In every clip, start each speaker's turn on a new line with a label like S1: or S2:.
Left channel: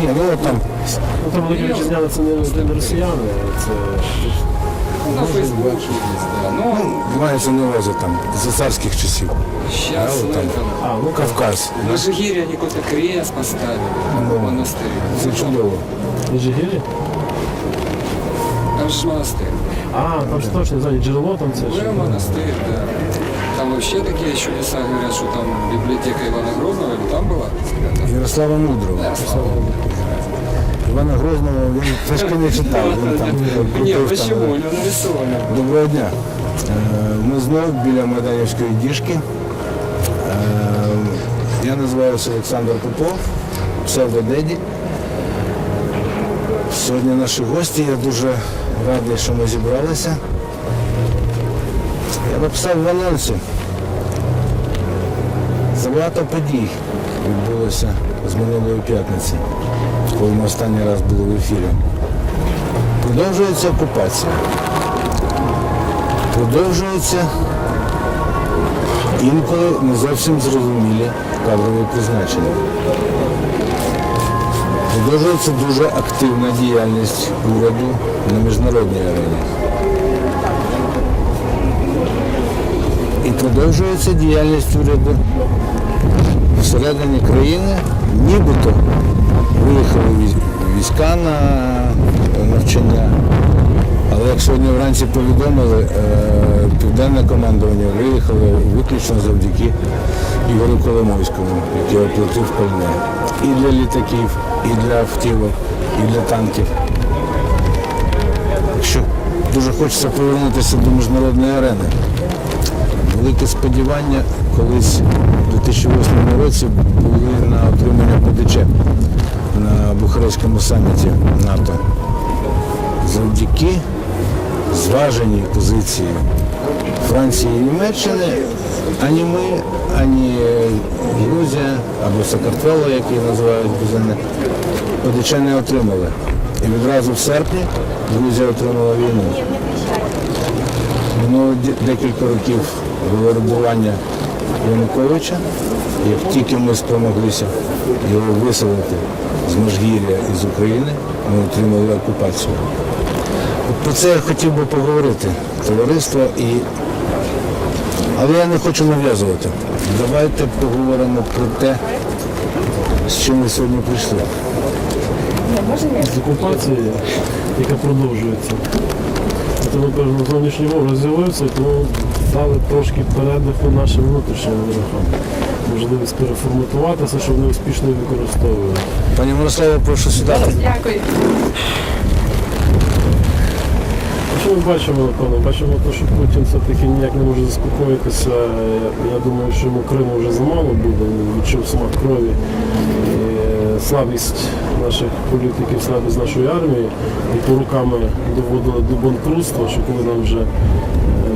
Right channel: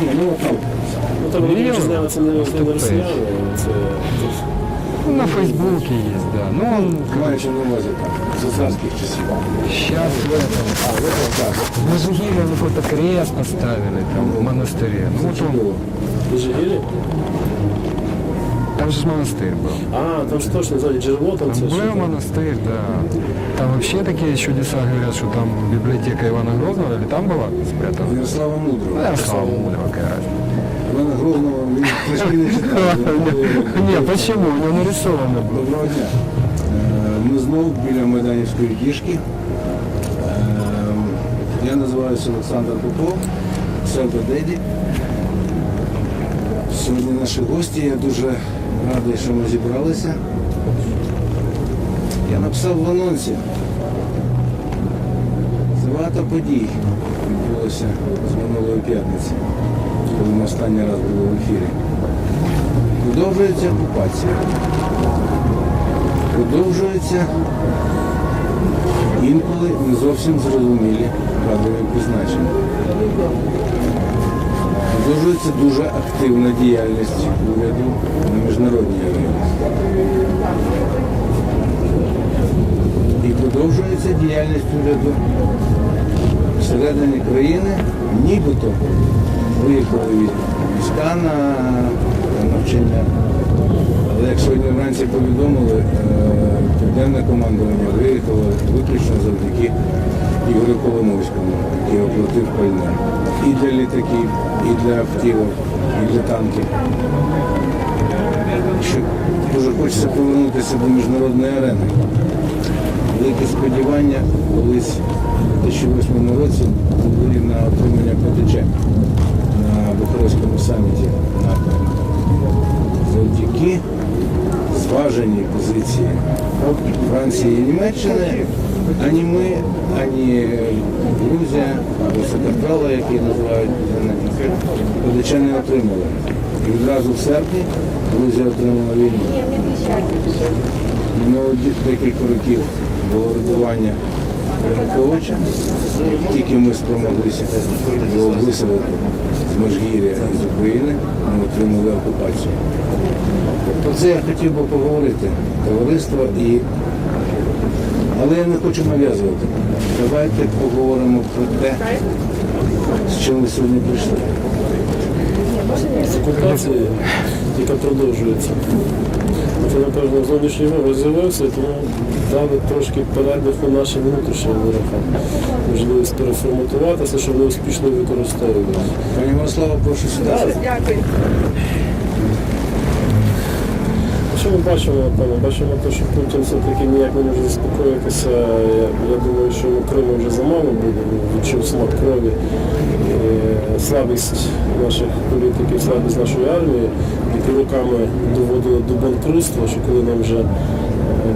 S1: Ні, ну там
S2: Ну, там це не росіяни, це
S3: Ну, на Фейсбуке есть, да. Ну, он
S1: мається на увазі там за царських часів.
S3: сейчас в этом.
S1: Кавказ.
S3: На Жигире они какой-то крест поставили в монастыре.
S1: Це чудово.
S3: На же ж монастырь был.
S2: А, там ж точно ззаді джерело там це. ж.
S3: Был монастырь, да. Там вообще такие чудеса говорят, что там библиотека Ивана Грозного или там была спрятана.
S1: Ярослава Мудрого.
S3: Да, слава Богу, какая.
S1: Івана Грозного він трішки не читав. він там,
S3: Не,
S1: там,
S3: почему? У него нарисовано было.
S1: Доброго дня. Е, Ми знову біля Майданівської діжки. Е, Я називаюся Олександр Попов, псевдодеді. Сьогодні наші гості, я дуже радий, що ми зібралися. Я написав в анонсі. Забагато подій відбулося з минулої п'ятниці, коли ми останній раз були в ефірі. Продовжується окупація продовжуються інколи не зовсім зрозумілі кадрові призначення. Продовжується дуже активна діяльність уряду на міжнародній арені. І продовжується діяльність уряду всередині країни, нібито виїхали війська на навчання. Але як сьогодні вранці повідомили, е, південне командування виїхало виключно завдяки Ігорю Коломойському, який оплатив пальне. І для літаків, і для автівок, і для танків. Що дуже хочеться повернутися до міжнародної арени. Велике сподівання колись у 2008 році були на отримання ПДЧ на Бухарестському саміті НАТО завдяки зваженій позиції Франції і Німеччини, ані ми, ані Грузія або Сакартвело, її називають Грузини, ПДЧ не отримали. І відразу в серпні Грузія отримала війну. Минуло декілька років було рибування Януковича. Як тільки ми спромоглися його виселити з Межгір'я і з України, ми отримали окупацію. Про це я хотів би поговорити, товариство, і... але я не хочу нав'язувати. Давайте поговоримо про те, з чим ви сьогодні прийшли.
S2: з окупації, яка продовжується. Це, напевно, зовнішній ворог з'явився, тому дали трошки передиху нашим внутрішнім ворогам. Можливість переформатуватися, щоб вони успішно використовували.
S1: Пані Мирославе, прошу сідати.
S4: Дякую.
S2: Ми бачимо, пане, Бачимо те, що Путін все-таки ніяк не може заспокоїтися. Я, думаю, що йому Криму вже замало буде, відчув смак крові. Слабість наших політиків, слабість нашої армії, яку руками доводили до банкрутства, що коли нам вже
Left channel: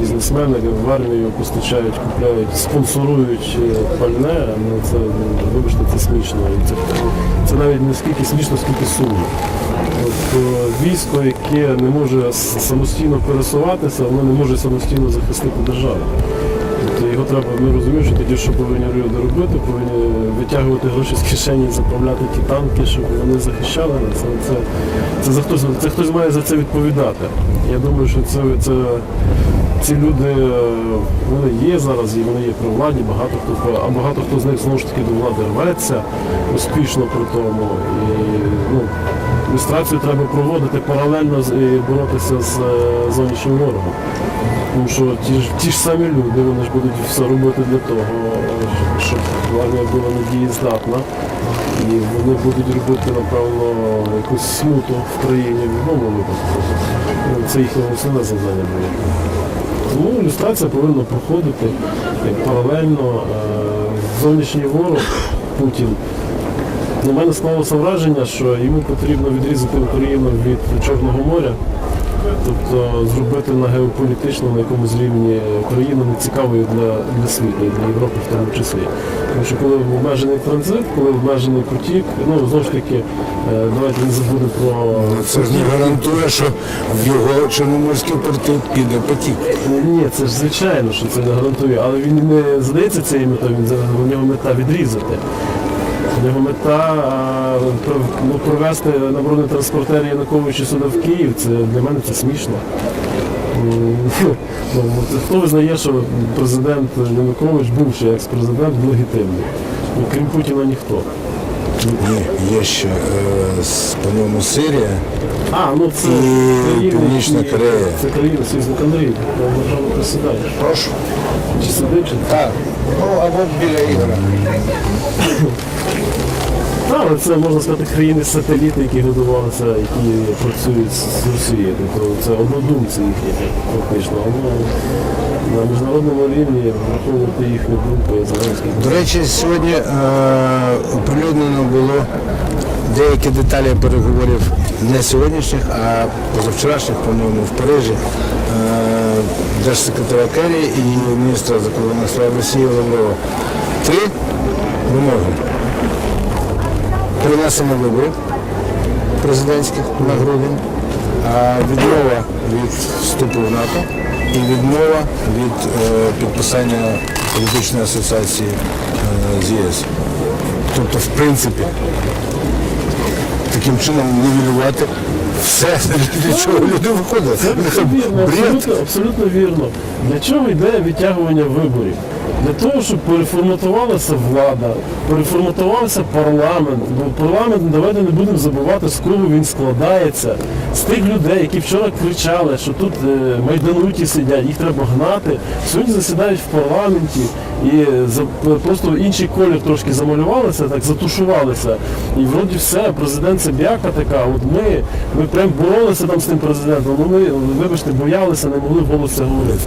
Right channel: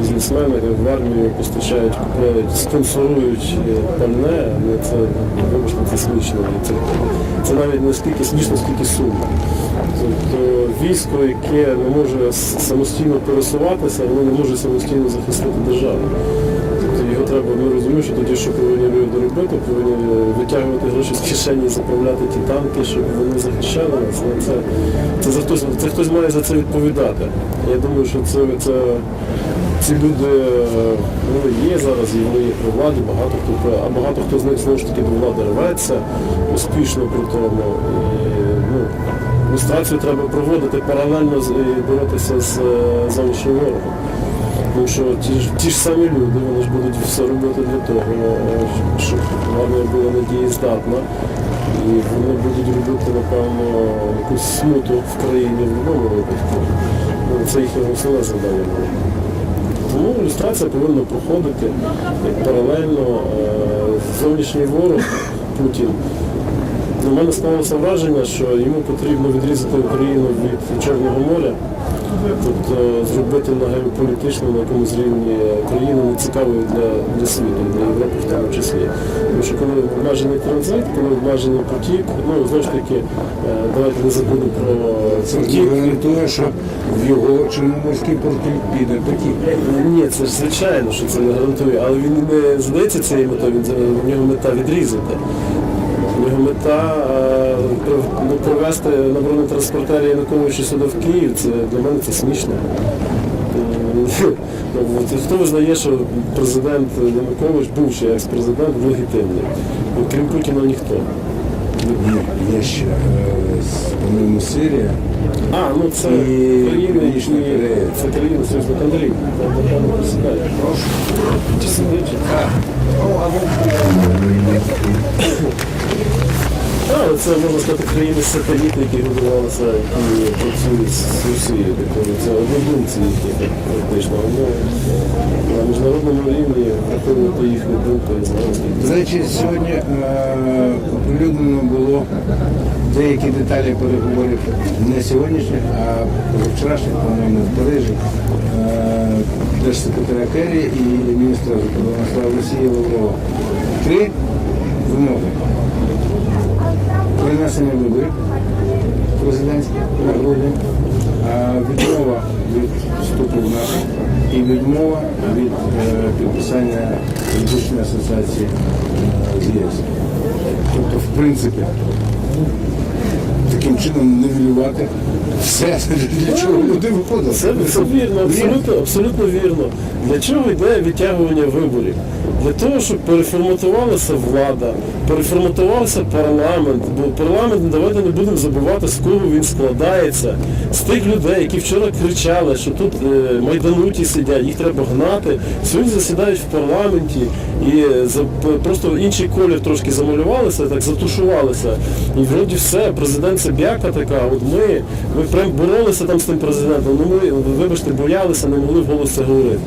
S2: бізнесмени в армію постачають, купляють, спонсорують е, пальне, ну це, вибачте, це смішно. Це, це навіть не скільки смішно, скільки сумно. Е, військо, яке не може самостійно пересуватися, воно не може самостійно захистити державу. Треба, ми розуміємо, що тоді, що повинні люди робити, повинні витягувати гроші з кишені заправляти ті танки, щоб вони захищали нас. Але Це, це, за хтось, це хтось має за це відповідати. Я думаю, що це, це ці люди вони є зараз, і вони є при владі, багато хто, а багато хто з них знову ж таки до влади рветься успішно при тому. І, ну, треба проводити паралельно і боротися з е, зовнішнім ворогом. Тому що ті ж, ті ж самі люди, вони ж будуть все робити для того, щоб армія була надієздатна. І вони будуть робити, напевно, якусь смуту в країні в будь-якому випадку. Ну, Це їхнє основне завдання буде. Тому люстрація повинна проходити паралельно. Е, Зовнішній ворог Путін у мене склалося враження, що йому потрібно відрізати Україну від Чорного моря, тобто зробити на геополітичному на якомусь рівні країну нецікавою для, для світу, для Європи в тому числі. Тому що коли обмежений транзит, коли обмежений потік, ну знову ж таки, е, давайте не забудемо про
S1: Це ж не гарантує, що в його Чорноморський порти піде потік.
S2: ні, це ж звичайно, що це не гарантує, але він не задається цією метою, він у нього мета відрізати. У нього мета мета е, ну, привезти на бронетранспортері Януковича сюди в Київ, це для мене це смішно. Ну, ну, Хто визнає, що президент Янукович, бувший екс-президент, легітимний? Ну, Крім Путіна ніхто.
S1: Ні, є ще, е, по-моєму, Сирія.
S2: А, ну це
S1: Північна Корея.
S2: Це країна союзник Андрій, там напевно присідає.
S1: Прошу.
S2: Чи сидить?
S1: Так. Ну, або біля.
S2: Так, це можна сказати країни-сателіти, які годувалися і працюють з Росією. Тобто це однодумці, які фактично. На міжнародному рівні враховувати їхню думку
S1: До речі, сьогодні е, оприлюднено було деякі деталі переговорів не сьогоднішніх, а позавчорашніх, по-моєму, в Парижі е, держсекретаря Керрі і міністра закордонних справ Росії Лаврова. Три вимоги. Перенесення виборів президентських на грудень, відмова від вступу в НАТО і відмова від е, підписання політичної асоціації е, з ЄС. Тобто, в принципі, таким чином нівелювати все, для чого люди виходять.
S2: Це, абсолютно, абсолютно вірно. Для чого йде відтягування виборів? Для того, щоб переформатувалася влада, переформатувався парламент, бо парламент давайте не будемо забувати, з кого він складається. З тих людей, які вчора кричали, що тут е, майдануті сидять, їх треба гнати. Сьогодні засідають в парламенті і е, просто інший колір трошки замалювалися, так затушувалися. І вроді все, президент це така. От ми, ми прям боролися там з тим президентом. Ну ми, вибачте, боялися, не могли вголос це говорити.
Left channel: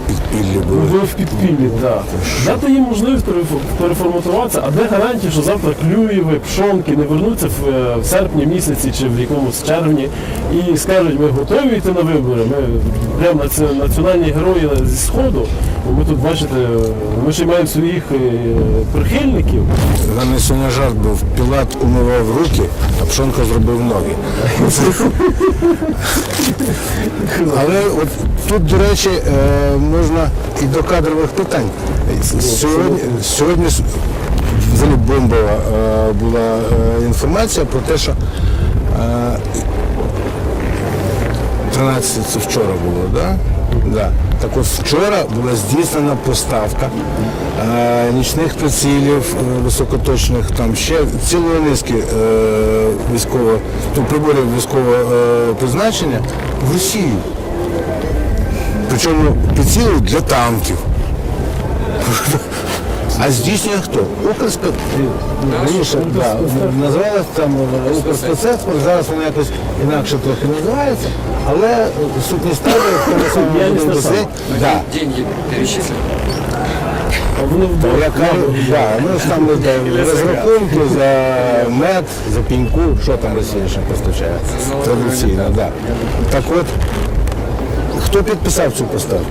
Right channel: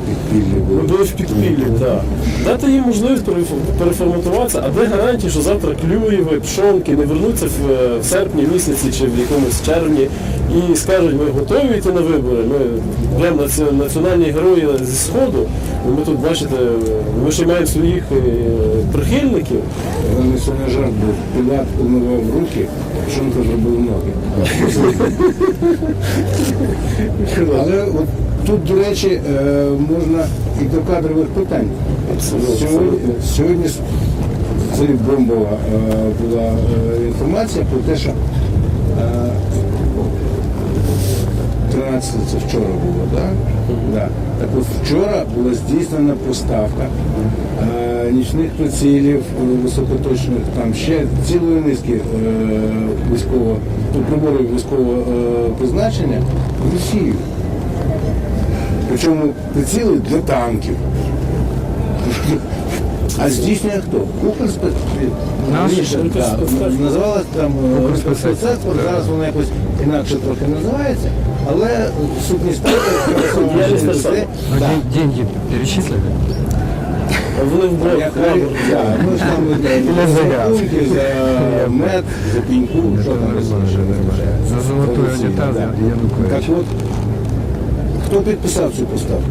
S2: Ми
S1: були.
S2: в підпіллі, так. Дати їм можливість переформатуватися, а де гарантії, що завтра Клюєви, Пшонки не вернуться в, е, серпні місяці чи в якомусь червні і скажуть, ми готові йти на вибори, ми прямо наці- національні герої зі Сходу. Ну, Ми тут, бачите, ми ще маємо своїх е, прихильників.
S1: У мене сьогодні жарт був. Пілат умивав руки, а Пшонка зробив ноги. Але от тут, до речі, е, можна і до кадрових питань. Сьогодні, сьогодні взагалі бомбова е, була е, інформація про те, що е, 13 це вчора було, да? Да. Так от вчора була здійснена поставка е, нічних прицілів е, високоточних, там ще цілої низки е, військового, ну, приборів військового е, призначення в Росію. Причому приціли для танків. А здійснює хто? Укрспе... Раніше, да, називалось там е, зараз воно якось інакше трохи називається, але сутність да,
S3: Деньги перечислят?
S2: А вони в
S1: яка, да, ну ж там розрахунки за мед, за піньку, що там Росія ще вистачає.
S3: За золоту.
S1: Так от, хто підписав цю поставку?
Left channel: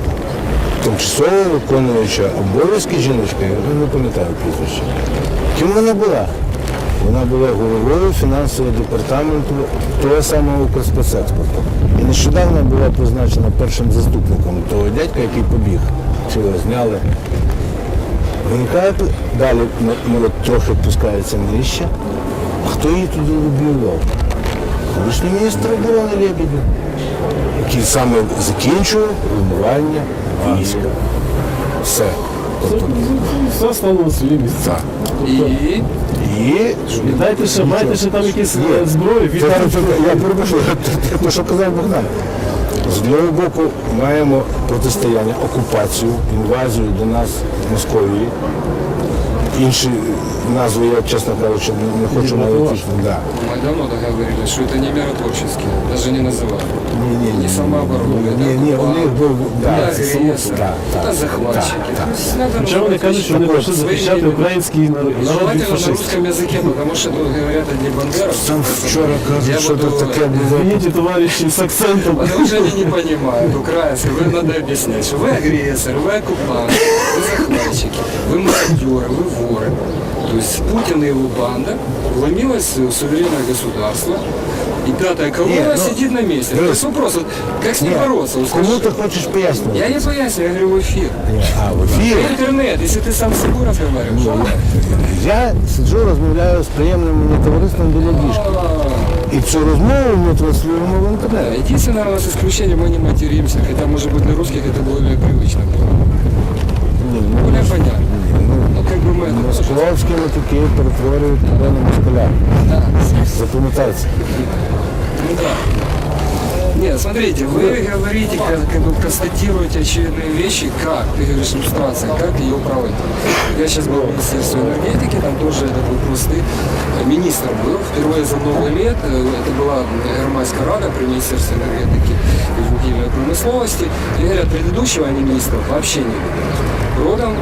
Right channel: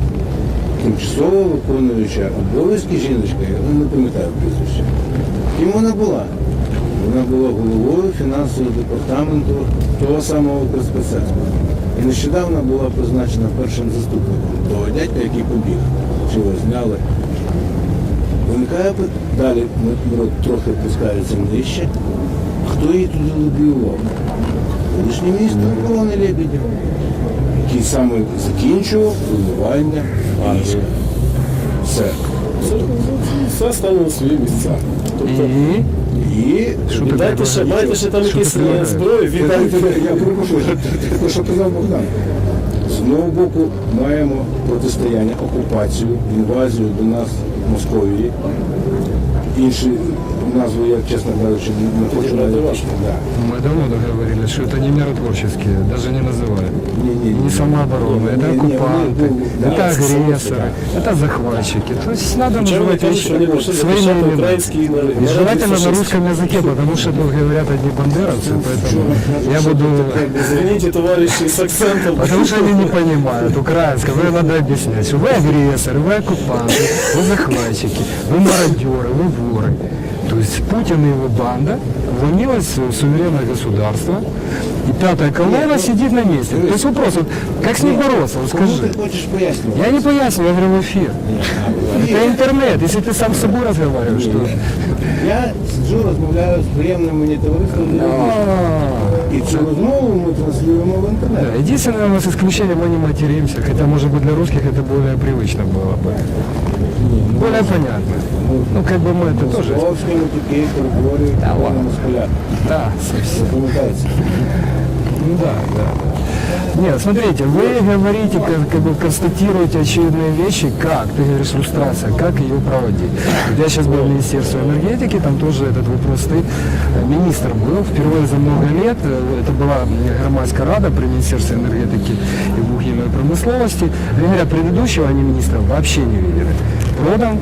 S1: Тимчасово виконуюча обов'язки жіночка, я не пам'ятаю прізвище. Ким вона була? Вона була головою фінансового департаменту того самого Укрспецекспорту. І нещодавно була призначена першим заступником того дядька, який побіг. Чи зняли. Виникає далі м- м- трохи пускається нижче. Хто її туди лобіював? Колишній міністр оборони Лебедів, який саме закінчував планування війська. Все. Тобто,
S2: все стало на свої місця. Тобто,
S3: И
S1: І
S2: дайте ще, маєте ще там якісь е, зброї,
S1: Я я перепрошую, те, що казав Богдан. З одного боку маємо протистояння, окупацію, інвазію до нас Московії. Інші назви я, чесно кажучи, не хочу навіть. Да.
S3: мы давно договорились, что это не миротворческие, даже не называли.
S1: Ні, ні, ні.
S3: Не самооборона, это
S1: Ні, ні, вони
S3: оккупанты,
S1: був- да,
S3: это
S1: це
S3: агрессоры,
S1: да, да.
S3: это захватчики. То есть надо
S2: Чому вони
S3: называть
S2: кажуть,
S3: вещи
S2: що вони прийшли
S3: своими
S2: захищати
S3: именами.
S2: український народ?
S3: И Желательно на русском языке, потому что тут говорят одни бандеровцы.
S1: Вчора
S3: поэтому
S1: кажуть,
S3: Я
S1: що
S3: буду...
S1: тут таке було.
S2: Извините, товарищи, с акцентом.
S3: Потому что они не понимают украинского. Вы надо объяснять, что вы агрессоры, вы оккупанты, вы захватчики, вы мародеры, вы воры. То есть Путин и его банда вломилась в суверенное государство, и пятая колонна
S1: Нет, ну,
S3: сидит на месте. То есть вопрос, вот, как с ним бороться? Вот
S1: Кому
S3: скажи.
S1: ти хочеш пояснювати?
S3: Я не поясню, я говорю в эфир.
S1: А, в ефірі.
S3: Это интернет, если ты сам с собой разговариваешь.
S1: Я сиджу, розмовляю з приємним мені товариством ділянічком.
S3: А,
S1: І цю розмову ми транслюємо в
S3: да,
S1: інтернет.
S3: Единственное, у нас исключение, мы не материмся, хотя, может быть, для русских это более привычно было бы.
S1: Ні, ну,
S3: Более понятно. Ну, как бы мы это тоже...
S1: Жовські отакі перетворюють на москаля.
S3: Да,
S1: Запам'ятається.
S3: Ну да. Нет, смотрите, вы говорите, как, как бы констатируете очевидные вещи, как, ты говоришь, иллюстрация, как ее проводить. Я сейчас был в Министерстве энергетики, там тоже этот вопрос стоит. Э, Министр был впервые за много лет, э, это была Германская рада при Министерстве энергетики и вугільной промысловости. И говорят, предыдущего они министра вообще не видели. Продан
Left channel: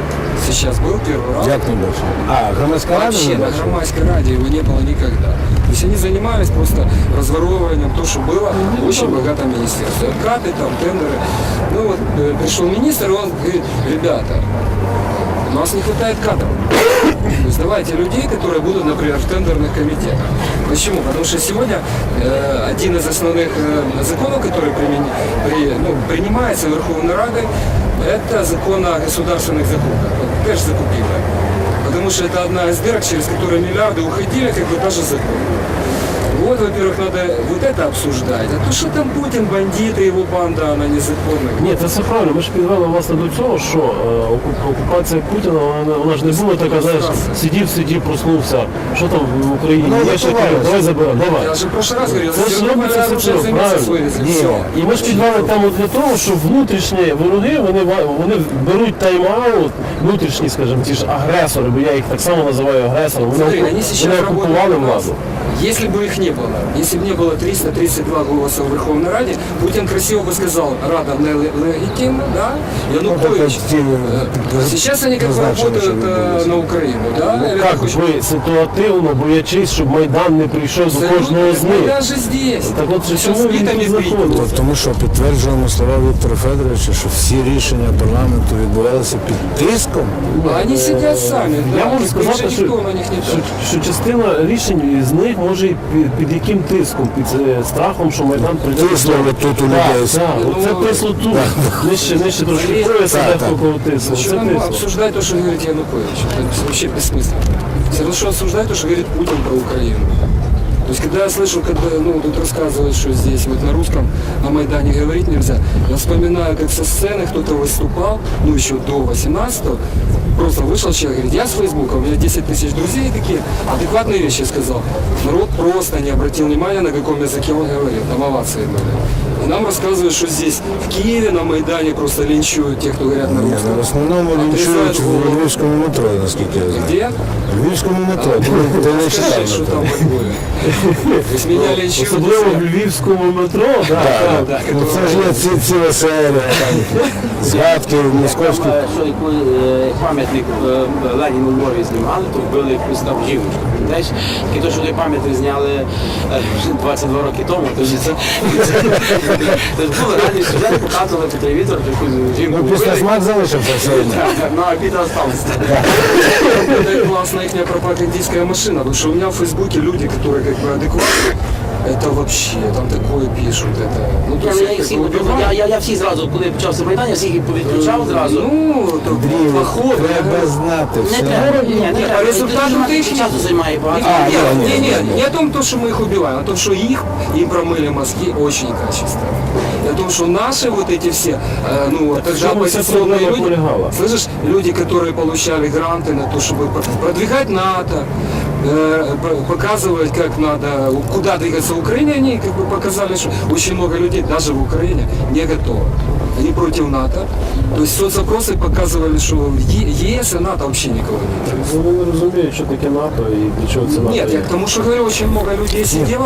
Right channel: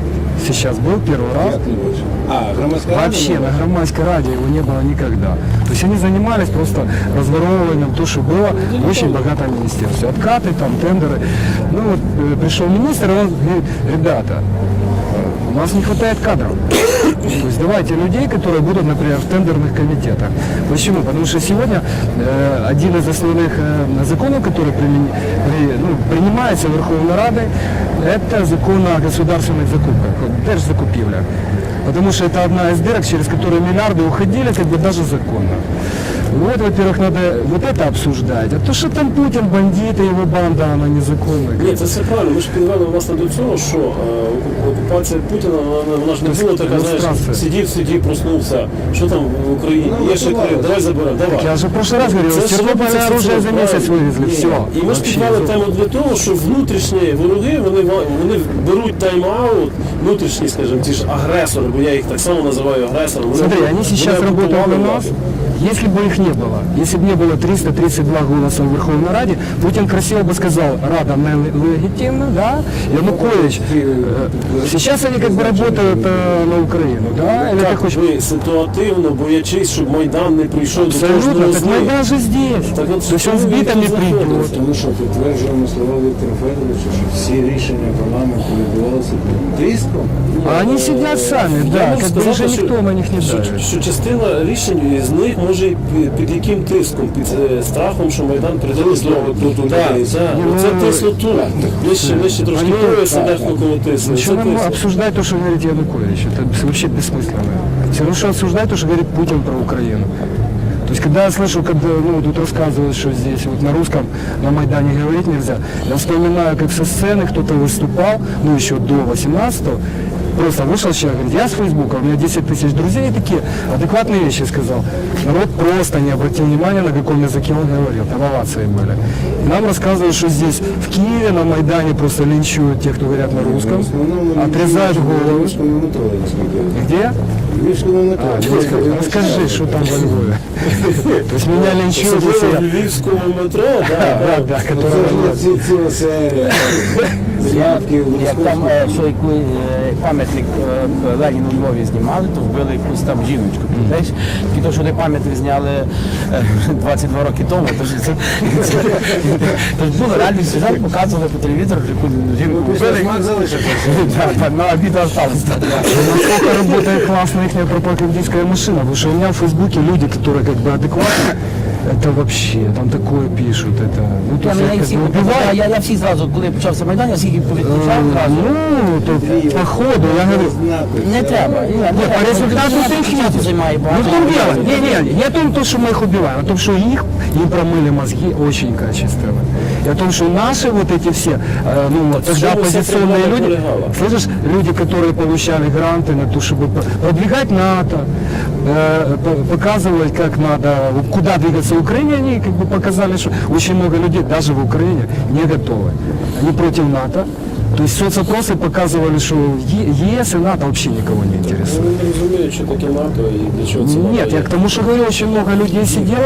S3: сейчас был первый раз.
S1: Як не бачу? А, громадська рада?
S3: Вообще, на громадской раде его не было никогда. То есть они занимались просто разворовыванием то, что было в очень богатом министерстве. Откаты, там, тендеры. Ну вот э, пришел министр, и он говорит, ребята, у нас не хватает кадров. То есть давайте людей, которые будут, например, в тендерных комитетах. Почему? Потому что сегодня э, один из основных э, законов, который примени- при- ну, принимается Верховной Радой, это закон о государственных закупках, ну, закупивля. Потому что это одна из дырок, через которые миллиарды уходили, как бы даже закон. Вот, во-первых, надо вот это обсуждать. А то, что там Путин, бандиты, его банда, она незаконная.
S2: Ні, це все правильно. Ми ж підвели власне до цього, що е, окупація Путіна, вона, вона ж не була така, знаєш, сидів, сидів, проснувся. Що там в Україні?
S1: Ну,
S2: Є ще
S1: давай.
S2: таке, давай заберемо,
S3: Я
S2: давай.
S3: же в прошлый раз говорил,
S2: Це
S3: с
S2: ж
S3: Тернополя
S2: це
S3: оружие
S2: все
S3: за месяц
S2: правильно.
S3: вывезли.
S2: Ні.
S3: Все.
S2: І ми ж підвели там от для того, що внутрішні вороги, вони, ва- вони беруть тайм-аут, внутрішні, скажімо, ті ж агресори, бо я їх так само називаю агресором.
S3: Смотри, они сейчас
S2: вони
S3: работают
S2: окупували
S3: у нас.
S2: владу.
S3: Если бы их не было, если бы не было 332 голоса в Верховной Раде, Путин красиво бы сказал, Рада нелегитимна, да, Янукович. э, Сейчас они как бы работают э, на Украину, да, или ты
S2: Як
S3: хочешь...
S2: ви ситуативно боячись, щоб Майдан не прийшов до
S3: Абсолютно,
S2: кожного
S3: так
S2: з них.
S3: Майдан же здесь.
S2: Так от
S3: Причем
S2: чому
S3: с
S2: він
S3: битами
S2: тут
S3: придет.
S2: знаходиться?
S1: Тому що підтверджуємо слова Віктора Федоровича, що всі рішення парламенту відбувалися під тиском.
S3: А они сидят сами,
S2: Я
S3: да,
S2: можу
S3: как бы уже
S2: сказати, що-
S3: никто на них не
S2: що,
S3: даст.
S2: що частина рішень з них може і під, яким тиском? Під е, страхом, що Майдан прийде.
S1: Тиснули тут у людей.
S2: Так, так, Це тисло тут. Нижче, нижче трошки пояса,
S1: так,
S2: дехто кого тисне. Це
S3: Что нам обсуждать то, что говорит Янукович? Это вообще бессмысленно. Все равно, что обсуждать то, что говорит Путин про Украину. То есть, когда я слышу, когда ну, тут рассказывают, что здесь вот на русском, на Майдане говорить нельзя, я вспоминаю, как со сцены кто-то выступал, ну еще до 18-го, просто вышел человек, говорит, я с Фейсбука, у меня 10 тысяч друзей такие, адекватные вещи сказал. Народ просто не обратил внимания, на каком языке он говорил, там овации были. И нам рассказывают, что здесь, в Киеве, на Майдане просто линчуют тех, кто говорят на русском.
S1: В основному
S3: Отрезаешь
S1: в
S3: голову.
S1: Львівському метро, наскільки я знаю.
S3: Где?
S1: В Львівському метро.
S3: Скажи, что там во Львове. Есть меня линчуют,
S2: в львівському метро, да.
S3: Да, да,
S1: Ну, Це ж є ці, ціла серія згадки московській.
S4: е, що коли е, пам'ятник е, Леніну у Львові знімали, то вбили якусь там жіночку. Знаєш, тільки то, що той пам'ятник зняли е, 22 роки тому, то ж це, було реально сюжет, показували по телевізору, якусь жінку
S1: Ну,
S4: вбили.
S1: смак залишився
S4: Ну, а біда осталась.
S3: Классная их пропагандистская машина, потому что у меня в Фейсбуке люди, которые как бы адекватны, это вообще, там такое пишут, это... Ну, то
S4: Я,
S3: есть
S4: я,
S3: это
S4: їх всіх,
S3: как бы
S4: я,
S3: убивает.
S4: я, я всі зразу, коли почався Майдан, я всіх їх повідключав зразу.
S3: Ну, то походу, я
S1: Треба
S3: говорю,
S1: знати
S4: Не
S1: все.
S4: треба, ні, не
S3: Ні,
S4: треба.
S3: по результату
S4: Це
S3: тих-
S4: часу займає
S3: Не,
S4: багато.
S3: не, не, не, не о том, то, что мы их убиваем, а о том, что их, им промыли мозги очень качественно. И о том, что наши вот эти все, э, ну, вот, тогда
S2: что вы все
S3: оппозиционные
S2: это
S3: люди,
S2: полегало?
S3: слышишь, люди, которые получали гранты на то, чтобы про- продвигать НАТО, э, п- показывать, как надо, куда двигаться Украине, они как бы показали, что очень много людей, даже в Украине, не готовы. Они против НАТО. То есть соцопросы показывали, что Е- ЕС и НАТО вообще никого не интересует.
S2: Вони не розуміють, що таке НАТО і для чого це НАТО.
S3: Нет, я к тому, что говорю, очень много людей сидело